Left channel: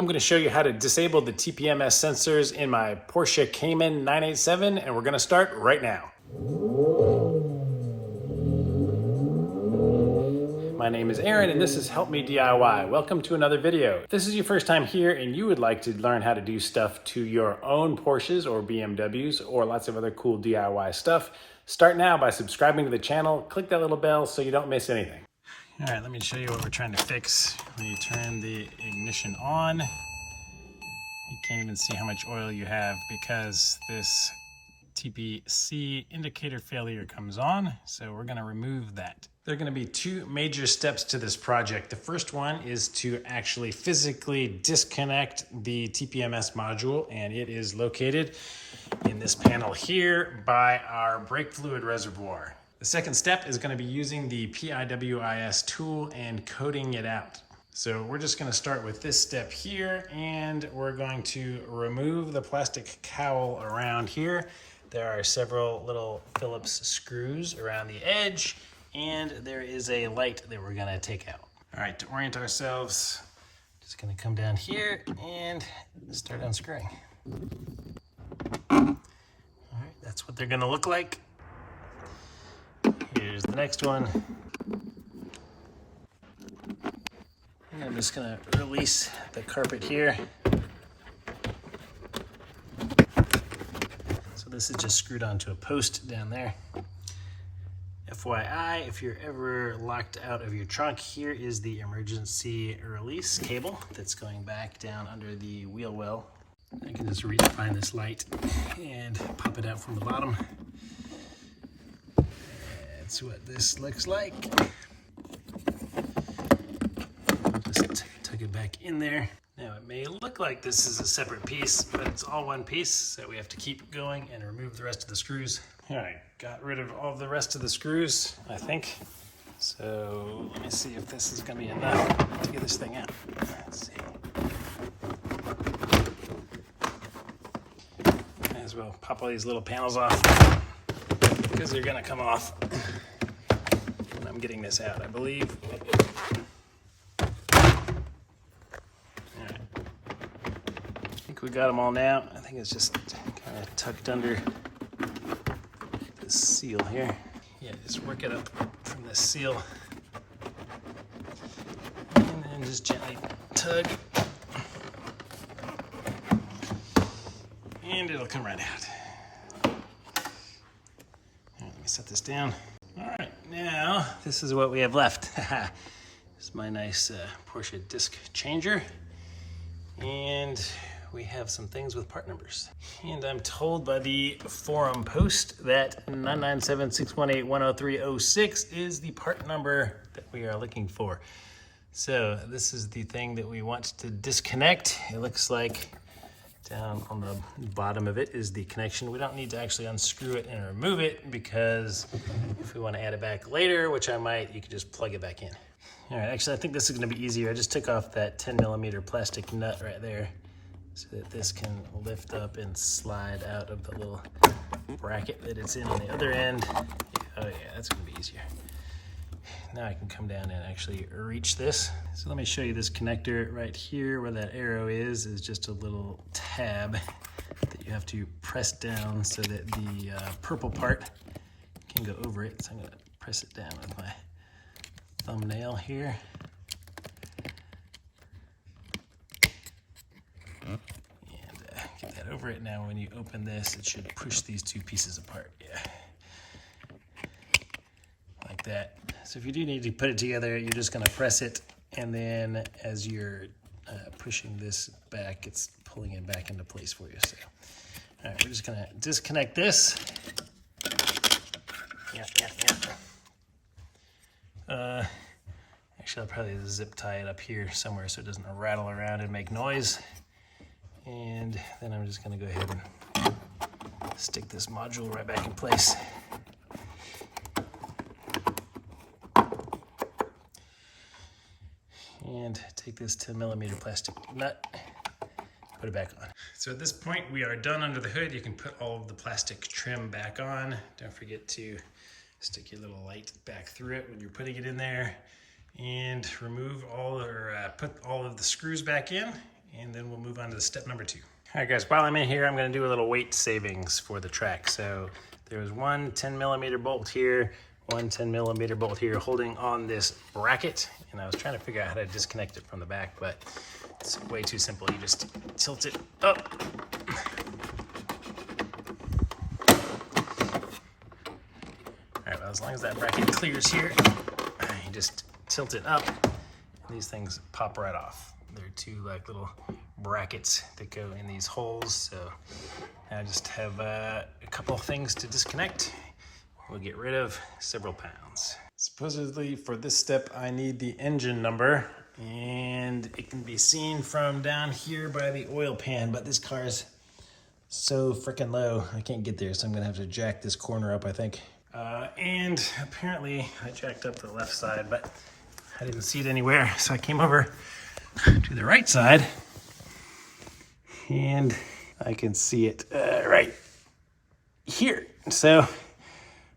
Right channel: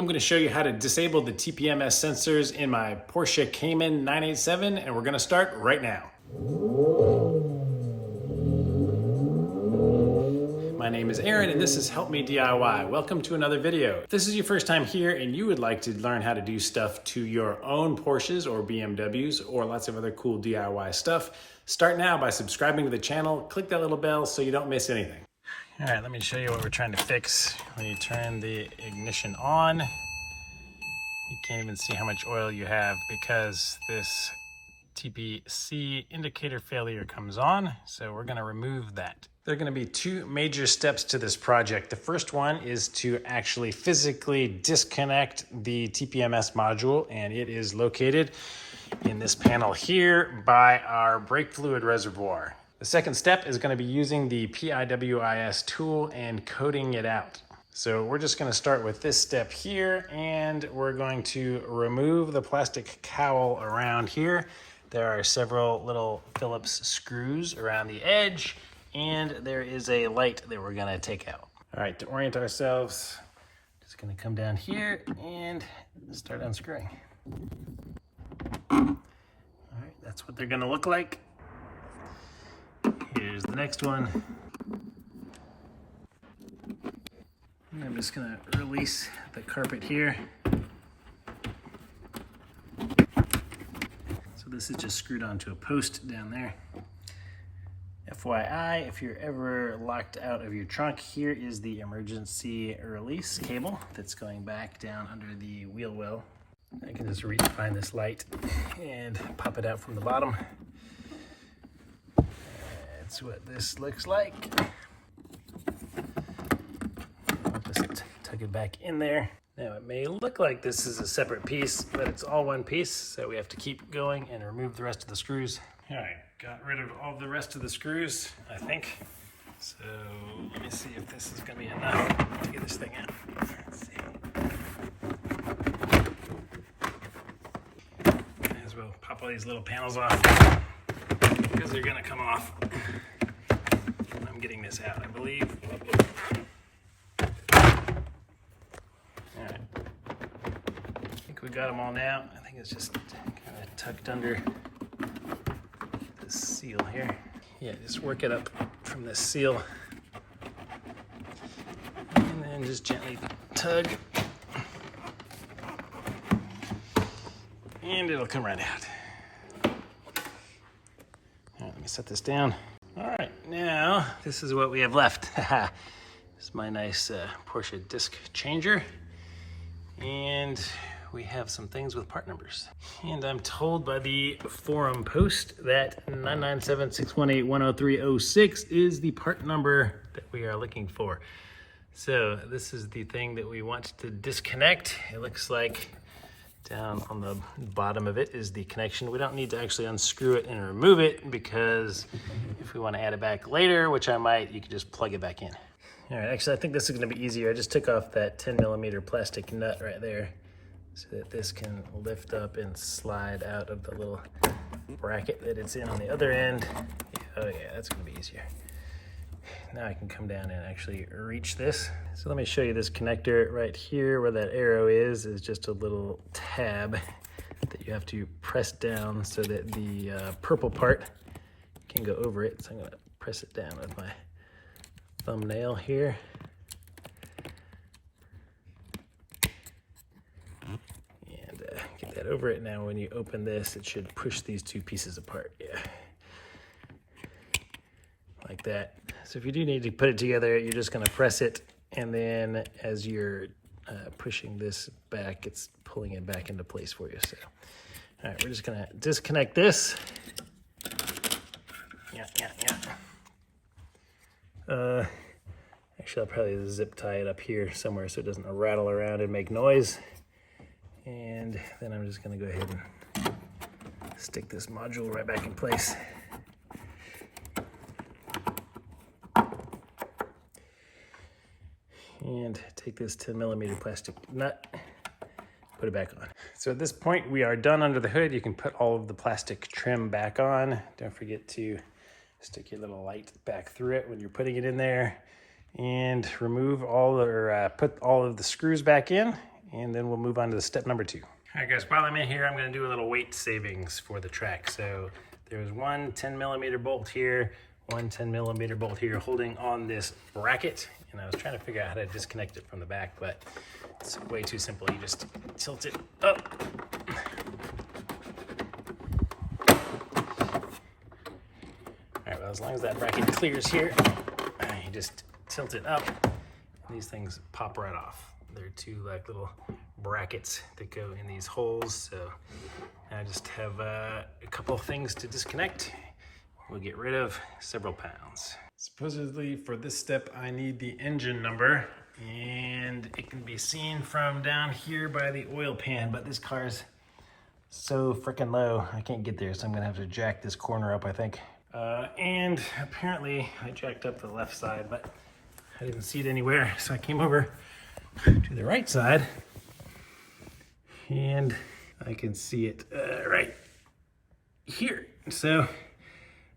I'm going to show you how to disable the TPMS sensors in my Porsche Cayman 987, and we're going to start right now. My name is Aaron, and this is Help Me DIY. Welcome to another video. If this is your first time here and you would like to learn how to do stuff to your own Porsches or BMWs or lots of other cool DIY stuff, start now by subscribing to the channel. Click that little bell so you don't miss anything. All right, let me show you what we're trying to fix. When you turn the ignition on, you can't even see how much oil you have because this TPC indicator failure comes on. So we're gonna remove that. There are gonna be two major steps to this project. The first one is to actually physically disconnect the TPMS module, and it is located in this panel here by our brake fluid reservoir. The second step is going to be using the PIWIS tool and coding it out. So we're just going to start with this step here, and we're going to remove the plastic cowl around here. There are several little Phillips screws around the edge, and there is a light that we're going to take out. All right, to orient ourselves, just going to come down here and start unscrewing. All right, that's what they're going to look like. Here's the next one. And I'm just gonna release the carpet here. So this is just screwed onto a post down there. FYI, if you're ever locked out of your trunk, here is the emergency release cable that's going back down under the wheel well. I can just reach find this light and pop it out from the bottom. That's what this looks like. Just tuck it back in there. Now it may look like this is a separate piece, but it's all one piece, so we have to keep going and remove the rest of the screws. All right, got rid of all the rest of the screws, I think. So let me see if this is gonna be enough to get this thing out. Let's see. Might as well pop all these little panels off, because they're gonna come off. And I'm getting this out, I believe. All right. I think we got them all now. I think it's just kind of tucked under this seal here. Yeah, just work it up from this seal. And then just gently tug. And it'll come right out. Let me set this down. All right, now this is what we have left. This is my nice Porsche disc changer. And we have some things with part numbers. And I'm told by the forum post that 997-618-10306 is the part number that we are looking for. So this is the thing that we want to disconnect. It looks like down on the bottom of it is the connection. We don't need to actually unscrew it and remove it, because if we want to add it back later, which I might, you can just plug it back in. All right, actually I think this is going to be easier. I just took off that 10mm plastic nut right there so that this can lift up and slide out of the little bracket that it's in on the other end. Oh yeah, that's going to be easier. Now I can come down and actually reach this. So let me show you this connector right here. Where that arrow is just a little tab that you have to press down so that the purple part can go over it. So I'm gonna press it down with my thumbnail here. And get that over it. Now when you open this, it should push these two pieces apart. Yeah, like that. So if you do need to put it together, you're just going to press it, and then as you're pushing this back, it's pulling it back into place for you. So, all right, we're just going to disconnect this. Actually, I'll probably zip tie it up here somewhere so it doesn't rattle around and make noise. And then I'm just going to go ahead and stick this module right back in place. And take this 10mm plastic nut, put it back on. So at this point, we are done under the hood. You can put all of the plastic trim back on. Don't forget to stick your little light back through it when you're putting it in there. And remove all the, put all of the screws back in. and then we'll move on to step number 2. All right guys, while I'm in here, I'm gonna do a little weight savings for the track. So there's one 10mm bolt here, one 10mm bolt here holding on this bracket. And I was trying to figure out how to disconnect it from the back, but it's way too simple. You just tilt it up. All right, well, as long as that bracket clears here, you just tilt it up, and these things pop right off. They're 2 like little brackets that go in these holes. So I just have a couple of things to disconnect. We'll get rid of several pounds. Supposedly for this step, I need the engine number, and it can be seen from down here by the oil pan, but this car is so freaking low, I can't get there, so I'm gonna have to jack this corner up, I think. And apparently I jacked up the left side, but I didn't see it anywhere, so I came over to the right side, and I can see it right here. So I'm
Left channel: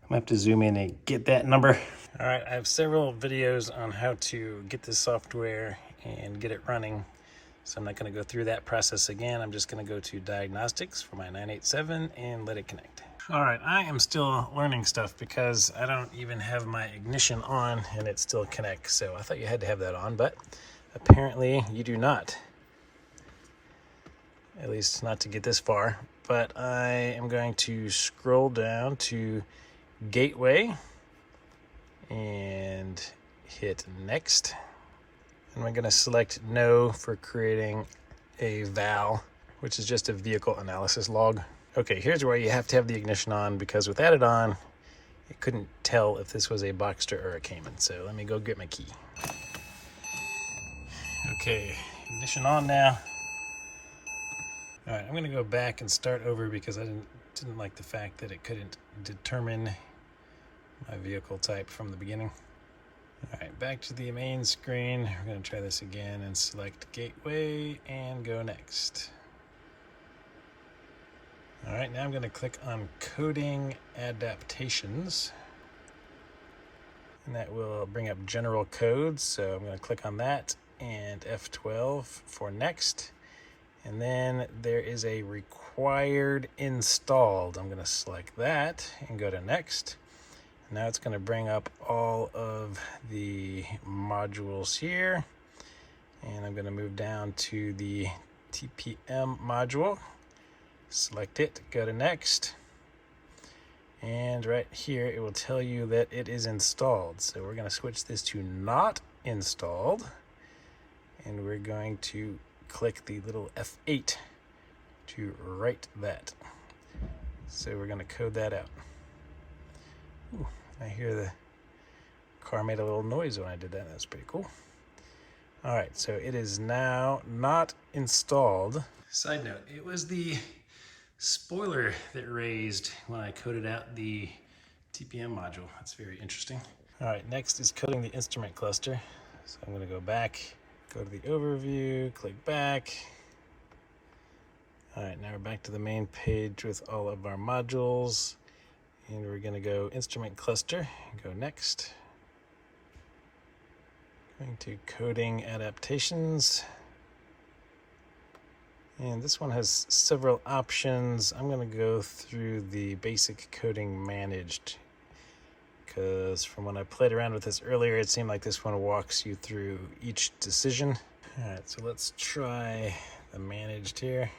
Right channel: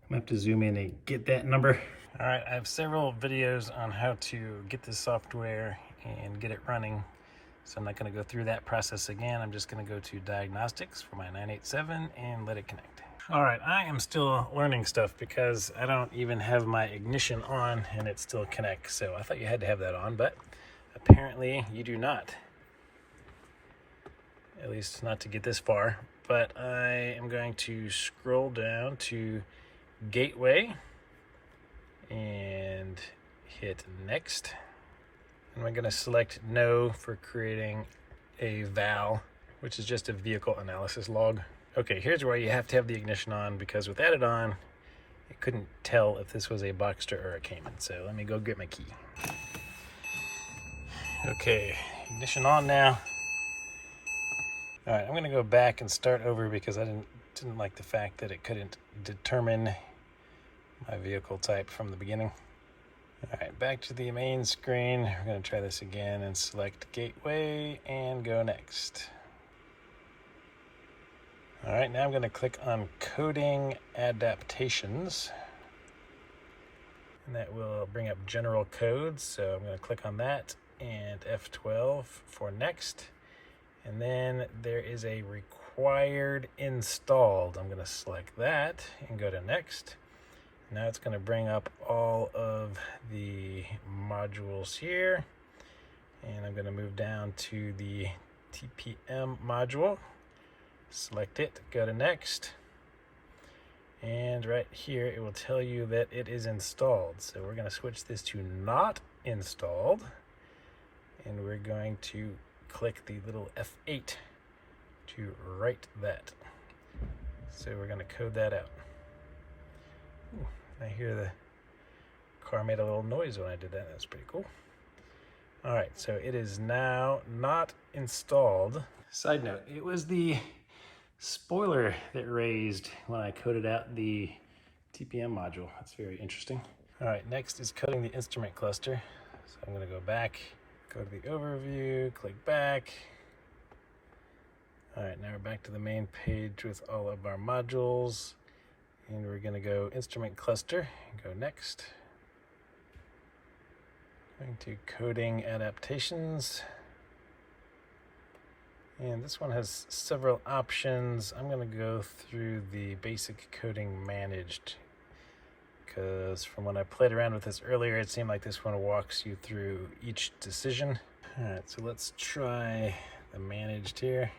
gonna have to zoom in and get that number. All right, I have several videos on how to get this software and get it running. So I'm not gonna go through that process again. I'm just gonna go to diagnostics for my 987 and let it connect. All right, I am still learning stuff because I don't even have my ignition on and it still connects. So I thought you had to have that on, but apparently you do not. At least not to get this far. But I am going to scroll down to Gateway and hit Next. And we're going to select No for creating a VAL, which is just a vehicle analysis log. Okay, here's where you have to have the ignition on, because without it on, it couldn't tell if this was a Boxster or a Cayman. So let me go get my key. Okay, ignition on now. All right, I'm going to go back and start over because I didn't like the fact that it couldn't determine my vehicle type from the beginning. All right, back to the main screen. We're going to try this again and select Gateway and go Next. All right, now I'm going to click on Coding Adaptations. And that will bring up general codes. So I'm going to click on that and F12 for Next. And then there is a required installed. I'm going to select that and go to Next. Now it's going to bring up all of the modules here. And I'm going to move down to the TPM module. Select it, go to Next. And right here, it will tell you that it is installed. So we're going to switch this to not installed. And we're going to click the little F8 to write that. So we're going to code that out. Ooh, I hear the car made a little noise when I did that. That's pretty cool. All right, so it is now not installed. Side note, it was the spoiler that raised when I coded out the TPM module. That's very interesting. All right, next is coding the instrument cluster. So I'm going to go back, go to the overview, click back. All right, now we're back to the main page with all of our modules. And we're going to go instrument cluster, go Next. Going to coding adaptations. And this one has several options. I'm going to go through the basic coding managed, because from when I played around with this earlier, it seemed like this one walks you through each decision. All right, so let's try the managed here.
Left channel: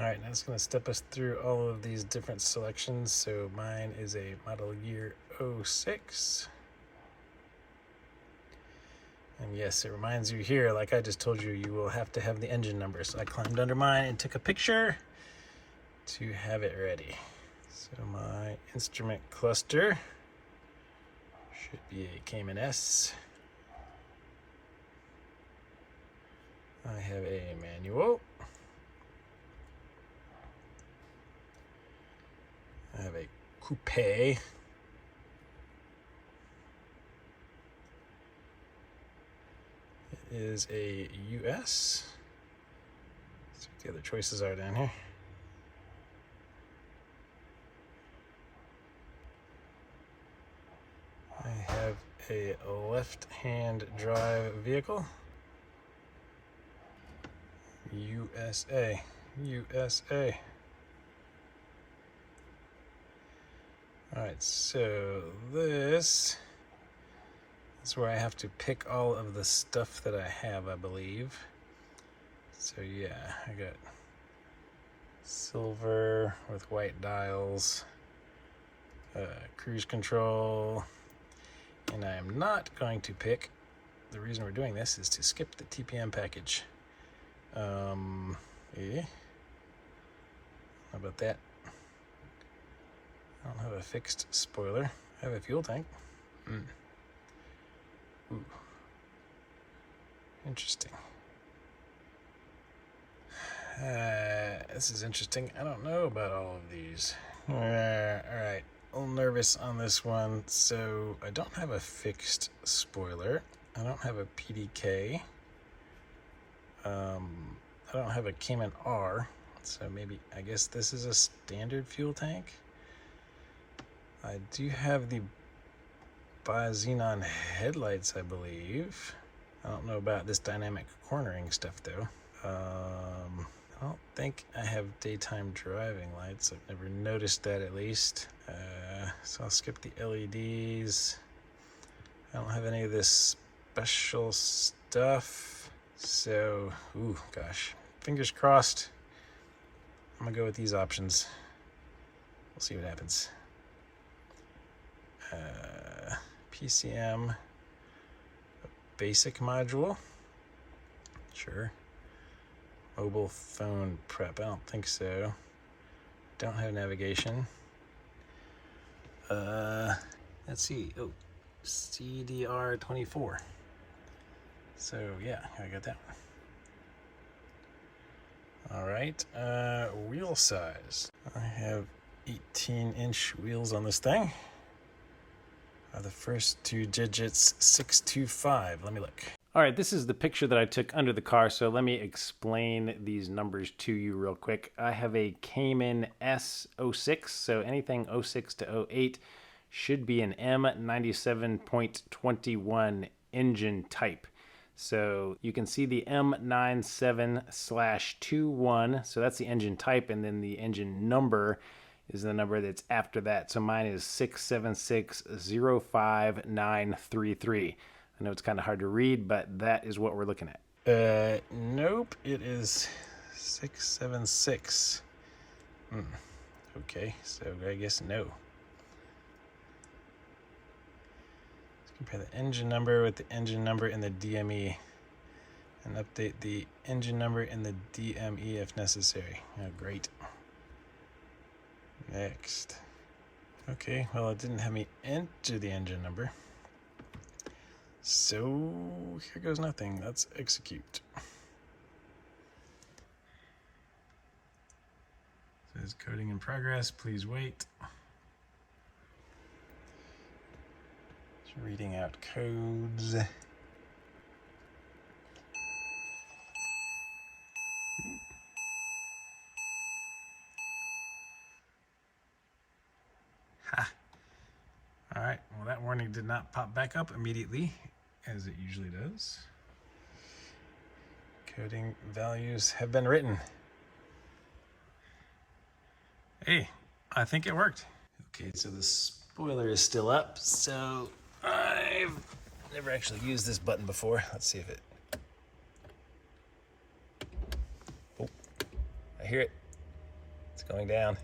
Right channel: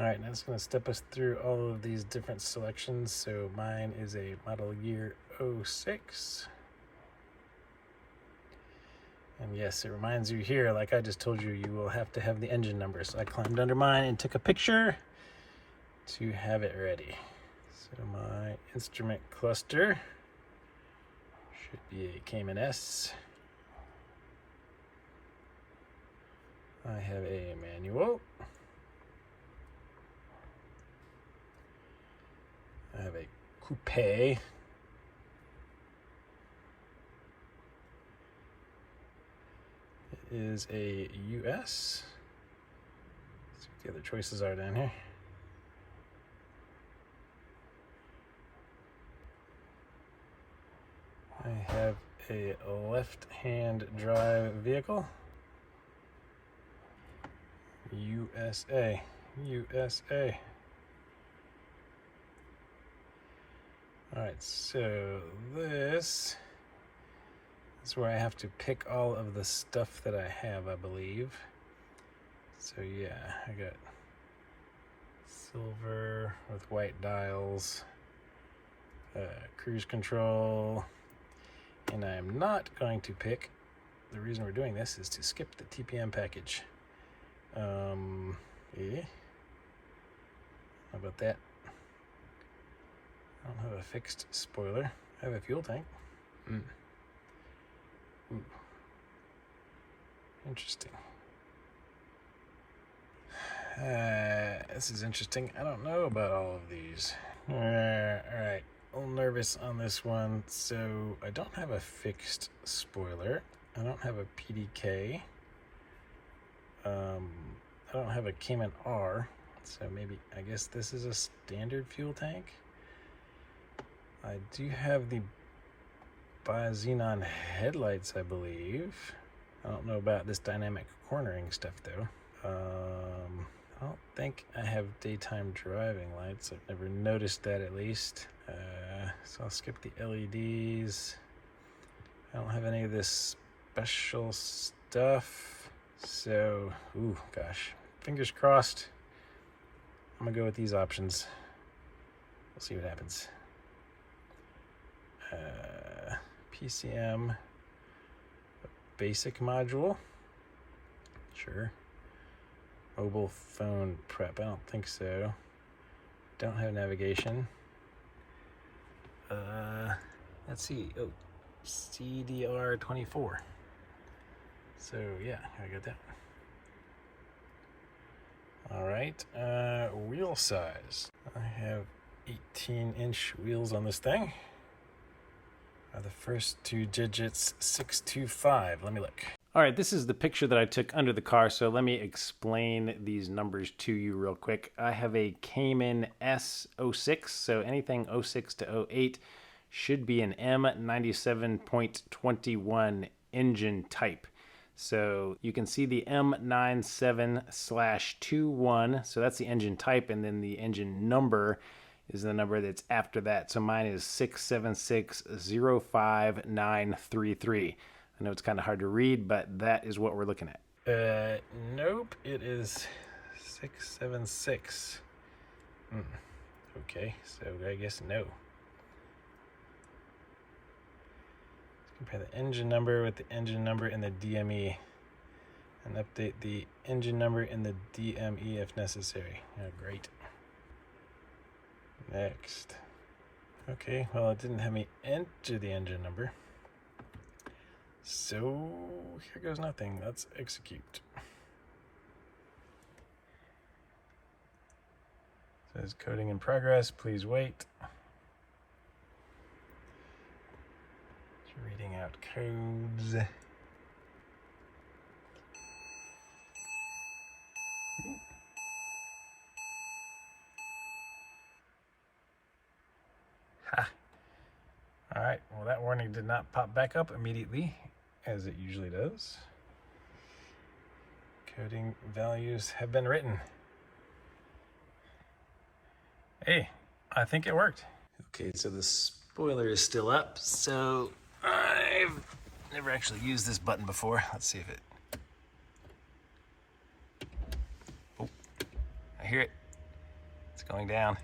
All right, now it's going to step us through all of these different selections. So mine is a model year 06. And yes, it reminds you here, like I just told you, you will have to have the engine number. So I climbed under mine and took a picture to have it ready. So my instrument cluster should be a Cayman S. I have a manual. I have a coupe. It is a US. Let's see what the other choices are down here. I have a left-hand drive vehicle. USA, USA. All right, so this is where I have to pick all of the stuff that I have, I believe. So yeah, I got silver with white dials, cruise control, and I am not going to pick, the reason we're doing this is to skip the TPM package. Yeah. How about that? I don't have a fixed spoiler. I have a fuel tank. Ooh. Interesting. This is interesting. I don't know about all of these. All right. A little nervous on this one. So I don't have a fixed spoiler. I don't have a PDK. I don't have a Cayman R. So maybe, I guess this is a standard fuel tank. I do have the bi-xenon headlights, I believe. I don't know about this dynamic cornering stuff though. I don't think I have daytime driving lights. I've never noticed that, at least. So I'll skip the LEDs. I don't have any of this special stuff. So, ooh, gosh. Fingers crossed. I'm gonna go with these options. We'll see what happens. PCM, basic module. Sure. Mobile phone prep. I don't think so. Don't have navigation. Let's see. Oh, CDR24. So yeah, I got that one. All right. Wheel size. I have 18-inch wheels on this thing. The first two digits 625. Let me look. All right, this is the picture that I took under the car, so let me explain these numbers to you real quick. I have a Cayman S06, so anything 06 to 08 should be an M97.21 engine type. So you can see the M97/21, so that's the engine type, and then the engine number is the number that's after that. So mine is 6760593. I know it's kind of hard to read, but that is what we're looking at. Nope, it is 676. Okay, so I guess no. Let's compare the engine number with the engine number in the DME and update the engine number in the DME if necessary. Oh, great. Next. Okay, well, it didn't have me enter the engine number. So here goes nothing. Let's execute. It says coding in progress. Please wait. It's reading out codes. Ha. All right. Well, that warning did not pop back up immediately, as it usually does. Coding values have been written. Hey, I think it worked. Okay, so the spoiler is still up. So I've never actually used this button before. Let's see if it... Oh, I hear it. It's going down.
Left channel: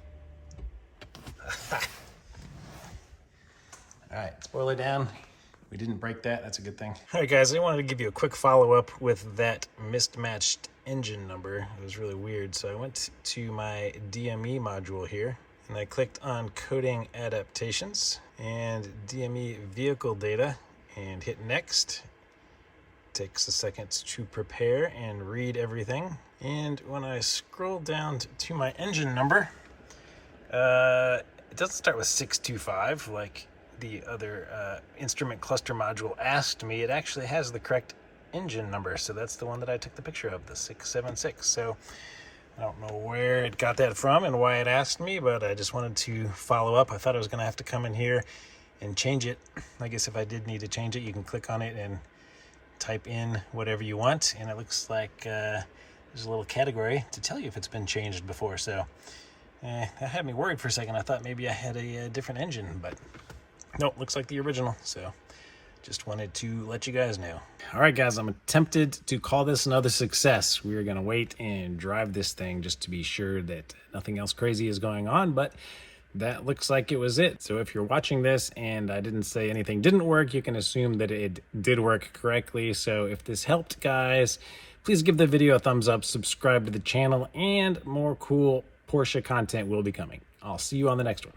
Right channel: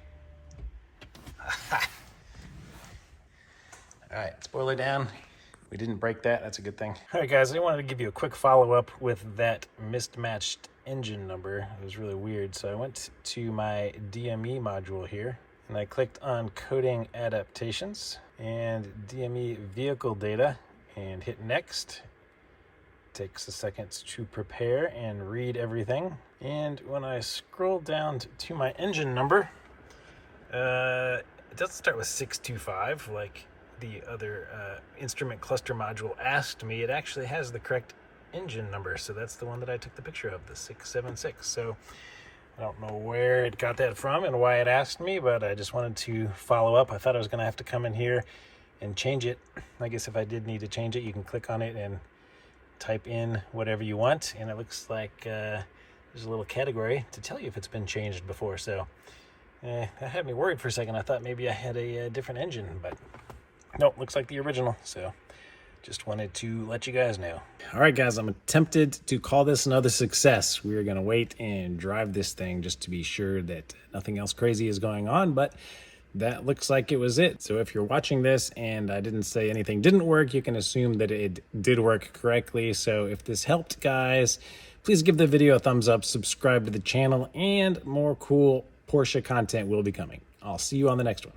All right, spoiler down. We didn't break that. That's a good thing. All right, guys, I wanted to give you a quick follow-up with that mismatched engine number. It was really weird. So I went to my DME module here, and I clicked on coding adaptations and DME vehicle data and hit next. Takes a second to prepare and read everything. And when I scroll down to my engine number, it doesn't start with 625 like the other instrument cluster module asked me. It actually has the correct engine number, so that's the one that I took the picture of, the 676. So I don't know where it got that from and why it asked me, but I just wanted to follow up. I thought I was going to have to come in here and change it. I guess if I did need to change it, you can click on it and type in whatever you want, and it looks like there's a little category to tell you if it's been changed before. So that had me worried for a second. I thought maybe I had a different engine, but nope, looks like the original. So just wanted to let you guys know. All right, guys, I'm tempted to call this another success. We are going to wait and drive this thing just to be sure that nothing else crazy is going on, but that looks like it was it. So if you're watching this and I didn't say anything didn't work, you can assume that it did work correctly. So if this helped, guys, please give the video a thumbs up, subscribe to the channel, and more cool Porsche content will be coming. I'll see you on the next one.